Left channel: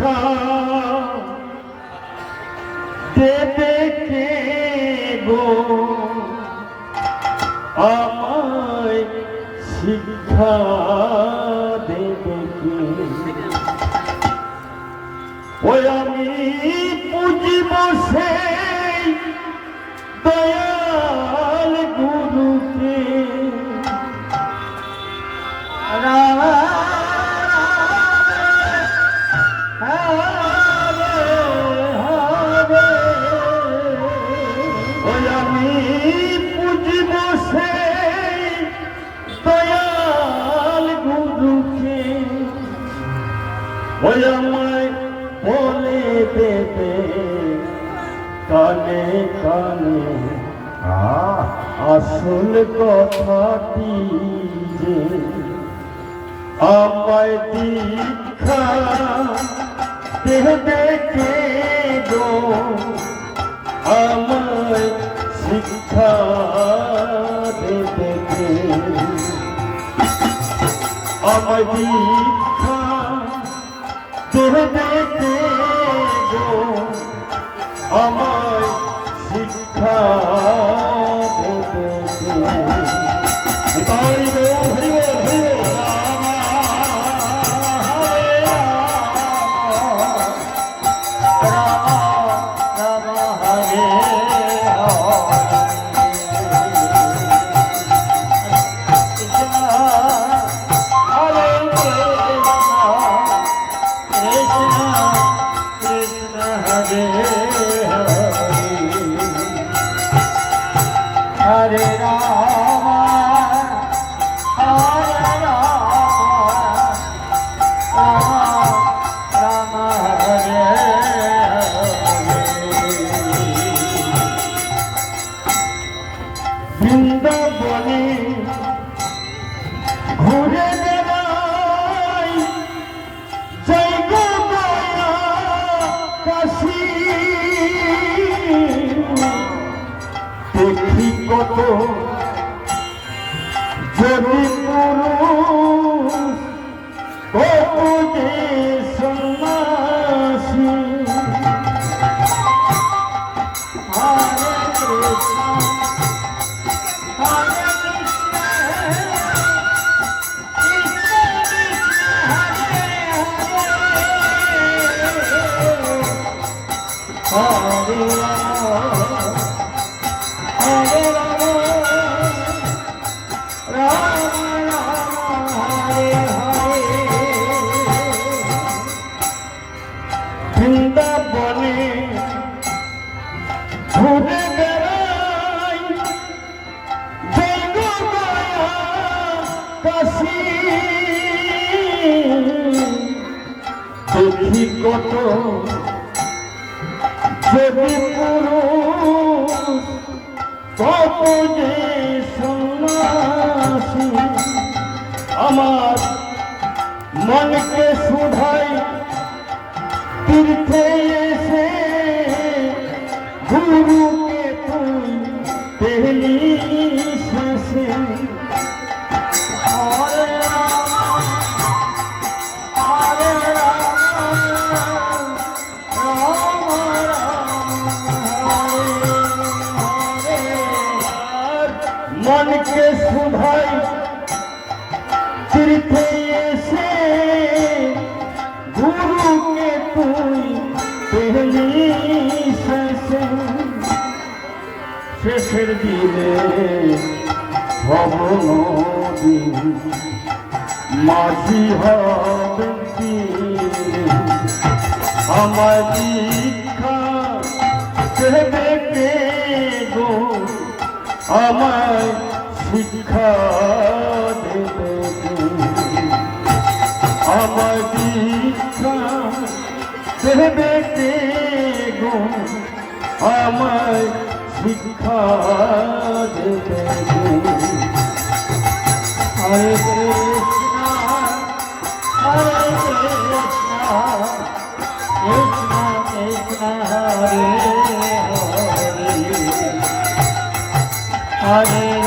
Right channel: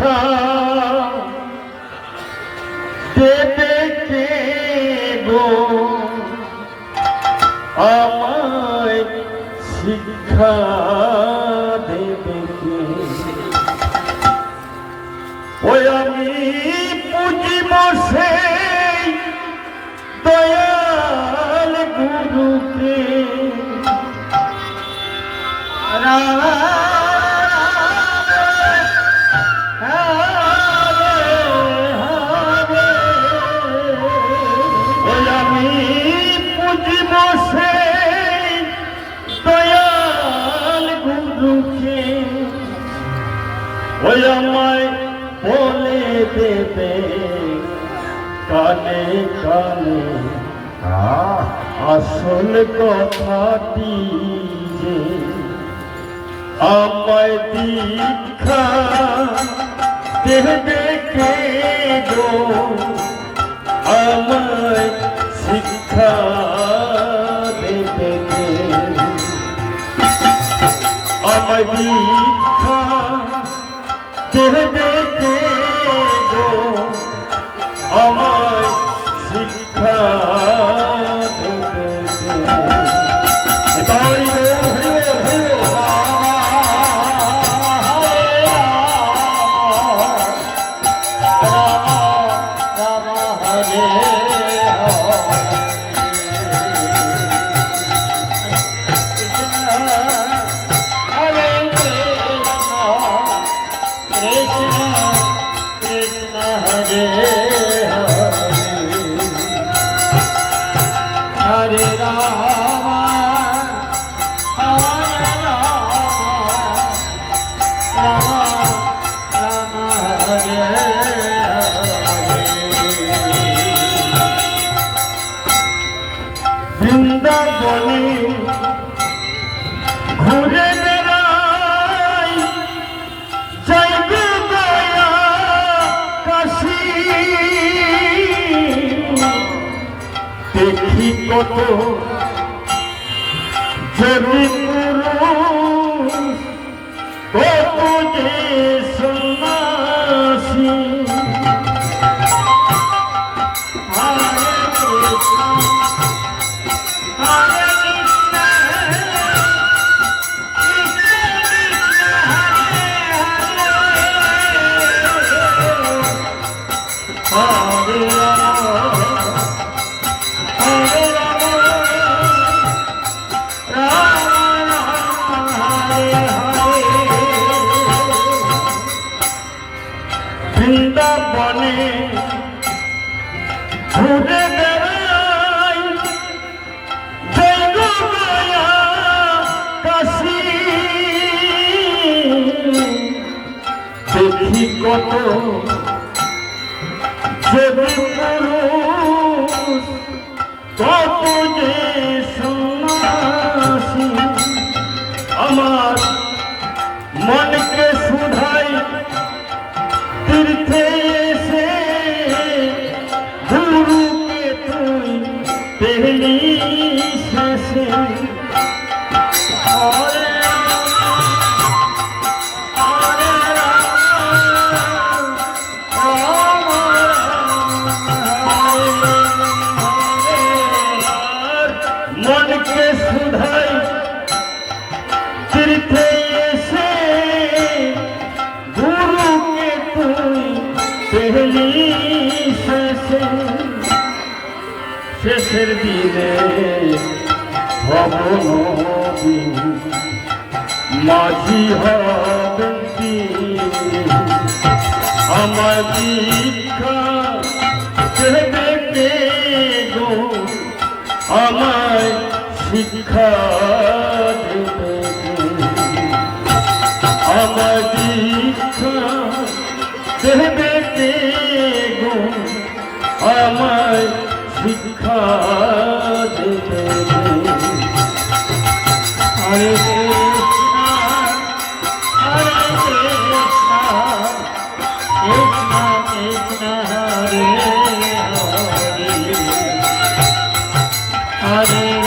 শিক্ষা দেবে কে গো? শিক্ষা কানে কানে আসল কথাটি যে আমায় দীক্ষা দেবে কে গো? আমায় শিক্ষা দেবে কে? আমায় দীক্ষা দেবে কে বৃন্দাবনে ঘুরে বেড়াই। যাই গো দয়া কাশি। দেখি কত যদি কত যে আমার মনকে শুধাই তীর্থে এসে গুরুকে তুই পেলি শেষে। শেষের দিনে ভবন মাঝি হবি আমার শিক্ষা দেবে? হরে কৃষ্ণ হরে কৃষ্ণ কৃষ্ণ কৃষ্ণ হরে হরে হরে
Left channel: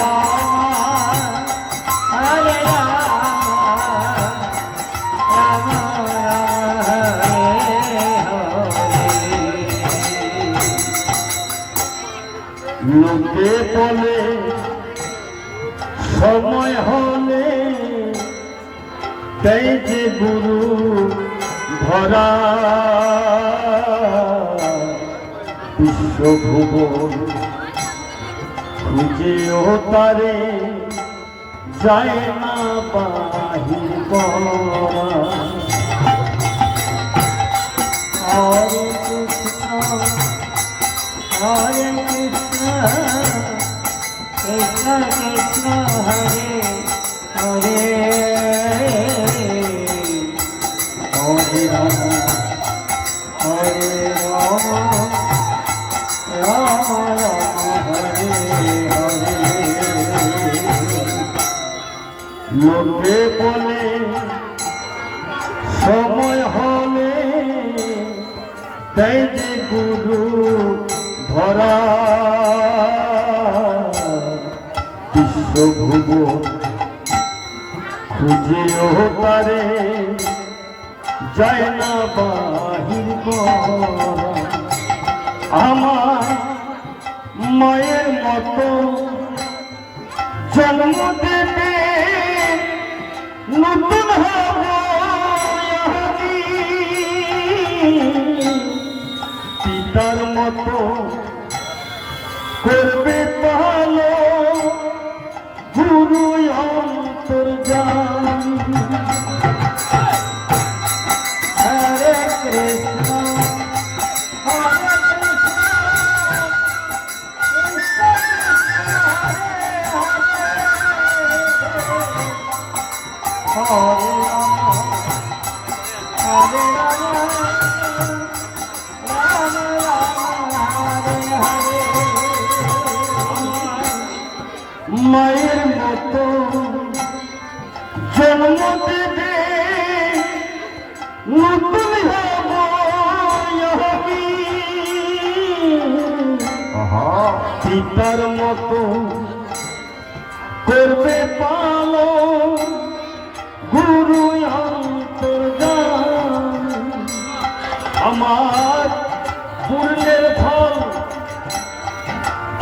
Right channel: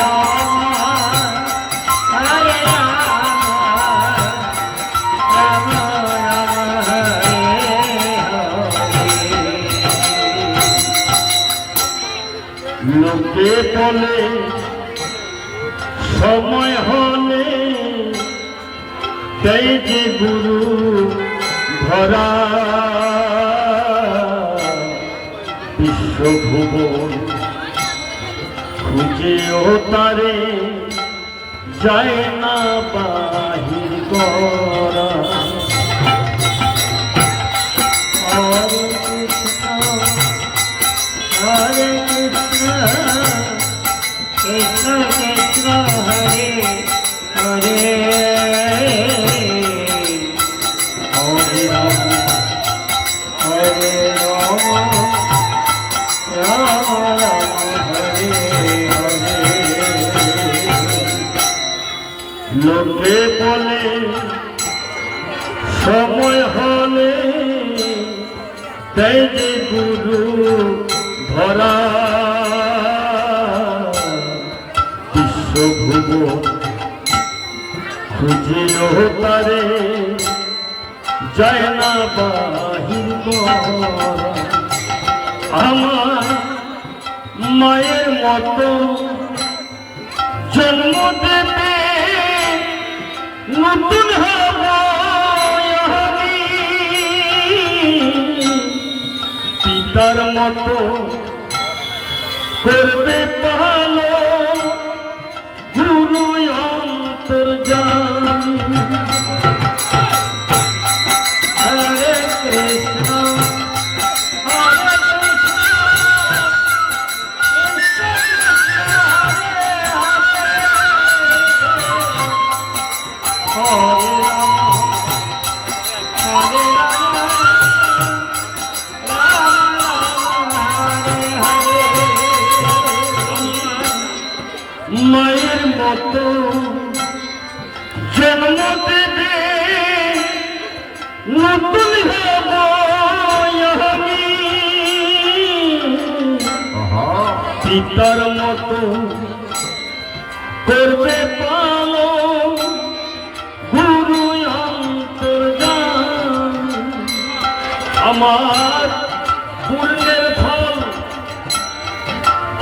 লোকে বলে সময় হলে তাই যে গুরু ধরা বিশ্বভুবন খুঁজেও তারে যায় না বাহির লোকে বলে সময় হলে তাই যে গুরু ধরা বিশ্বভুব খুঁজেও পারে, যায় না বাহির আমার মায়ের মতো জন্ম দেবে, নতুন। পিতার মতো করবে মায়ের মতো জন্ম দেবে নতুন। পিতার মতো করবে পালো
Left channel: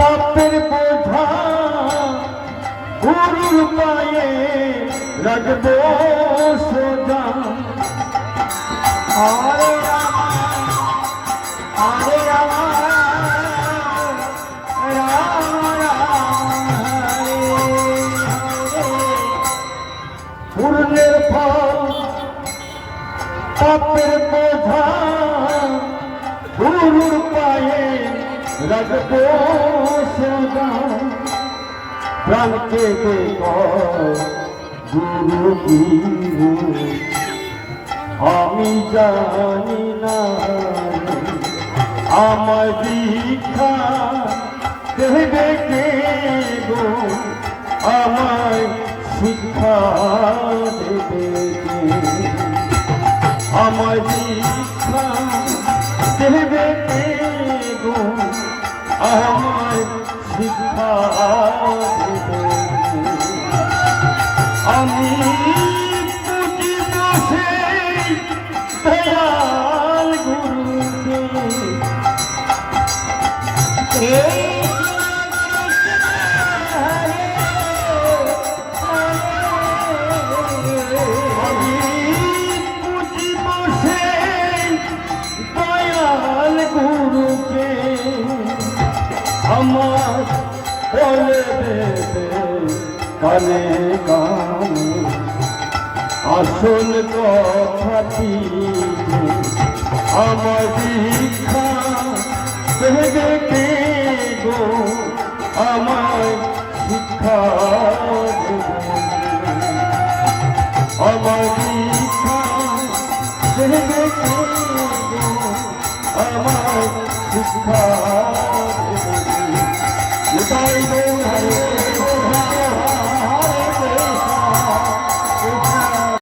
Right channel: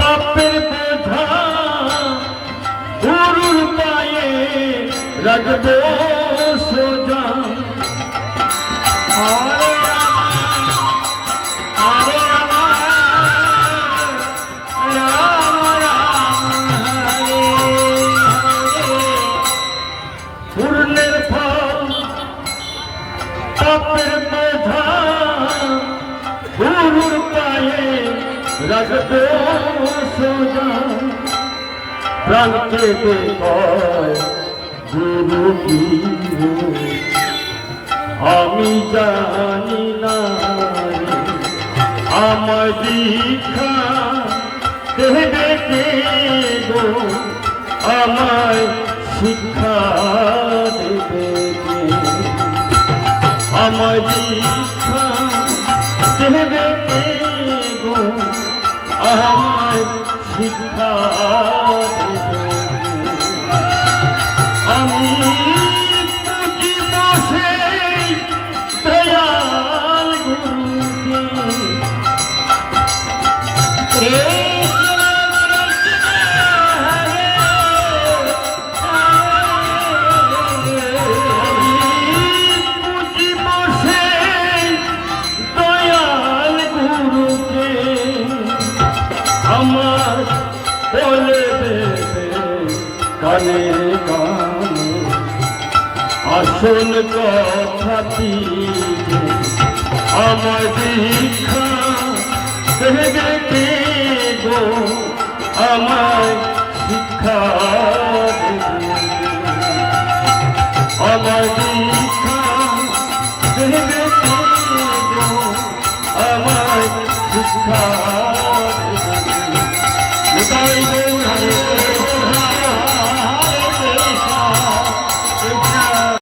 পাপের বোঝা গুরুর পায়ে রাখব সোজা। হরে পূর্ণের ফল পাপের সোজা প্রাণকে গুরু কি আমি জানি না আমার দীক্ষা দেবে কে গো আমায় শিক্ষা দেবে আমার দীক্ষা দেবে গো আমায় শিক্ষা? আমি পুঁজি বসে দয়াল গুরুকে দেবে কানে কানে আসল কথাটি আমার দীক্ষা দেবে কে আমার